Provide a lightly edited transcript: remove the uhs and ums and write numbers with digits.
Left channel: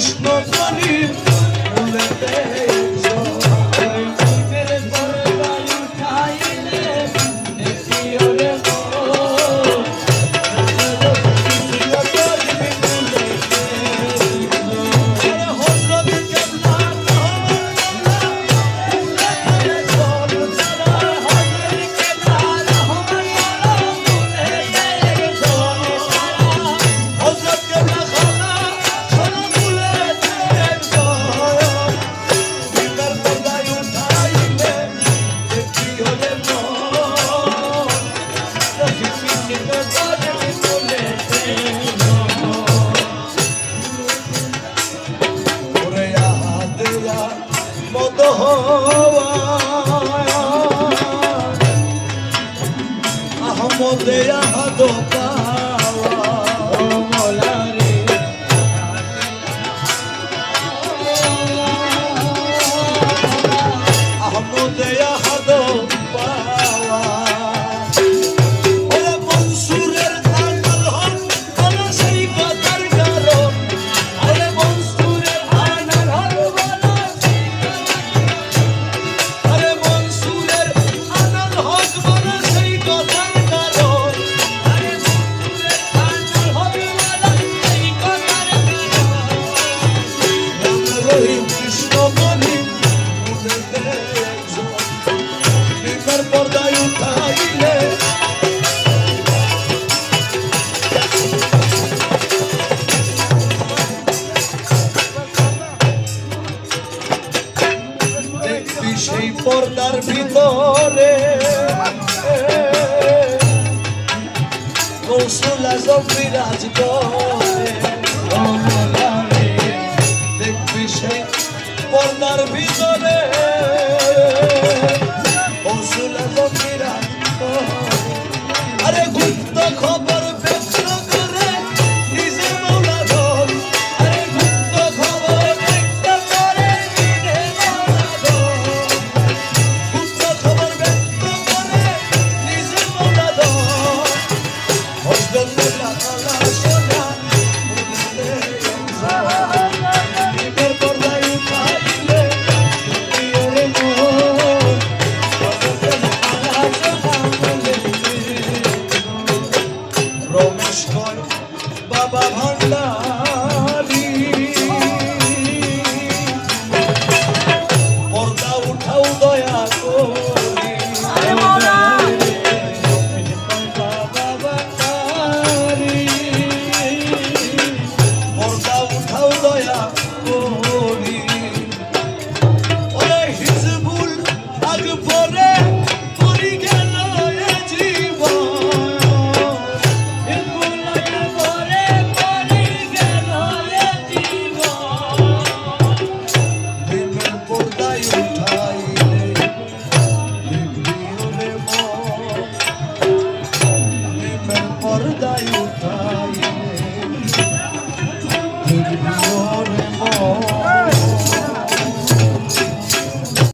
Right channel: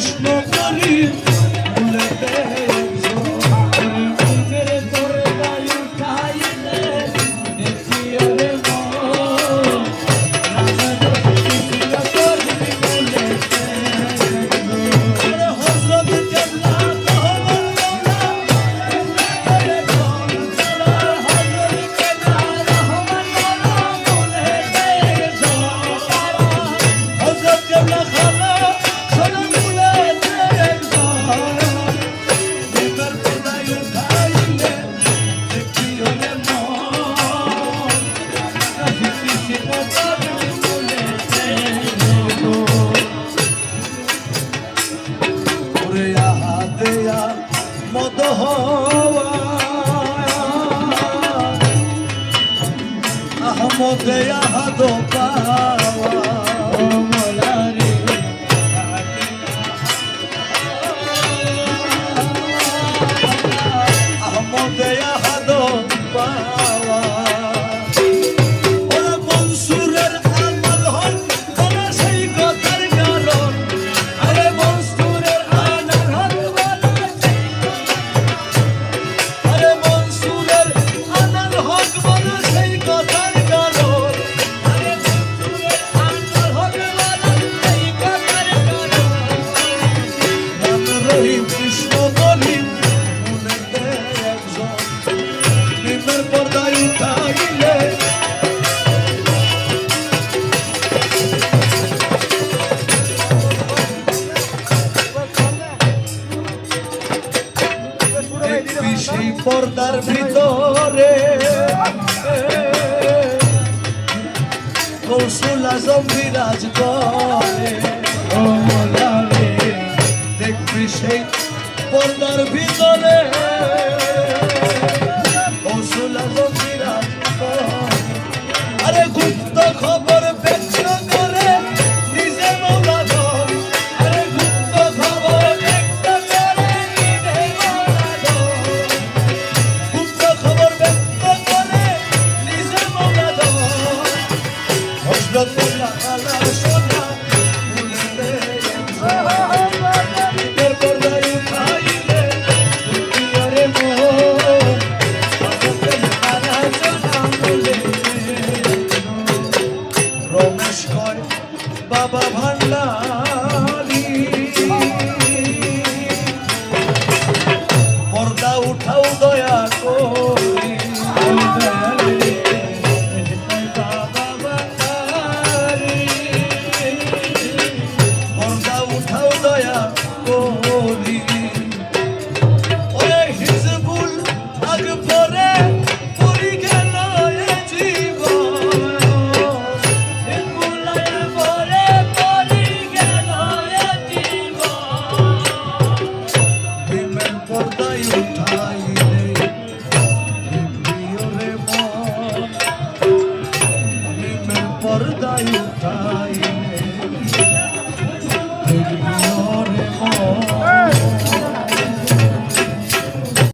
কৃষ্ণ বলি ভুলেতে আহমদে আহাদ পাওয়া আহমদে আহাদ পাওয়া ওরা মনসুরের আনাল হক ওরা সেই কথার কারণ আরে মনসুরের আনাল হক আরে মনসুরের আনাল হক ওরা সেই কথার কৃষ্ণ বলি ভুলেতে একজন নিমের পর্দায় উঠাইলে দেখবি সেই পর্দার ভিতরে কৌশল আজম বিরাজ করে দেখবি সেই পর্দার ভিতরে কৌশল আজম বিরাজ করে আরে গুপ্ত খবর ব্যক্ত করে নিজে মৌলা ধর আরে গুপ্ত খবর ব্যক্ত করে নিজে মৌলা ধর গুপ্ত খবর ব্যক্ত করে নিজে মৌলা ধর হযরতের আলা সোনা বাবা ভান্ডারি পর্দা উঠাও দয়া করি পর্দা উঠাও দয়া করি ওরে হিজবুল আগ পরে পরি গেল পর্দায় উঠাইলে প্রিয়রে মন পর্দায় উঠাইলে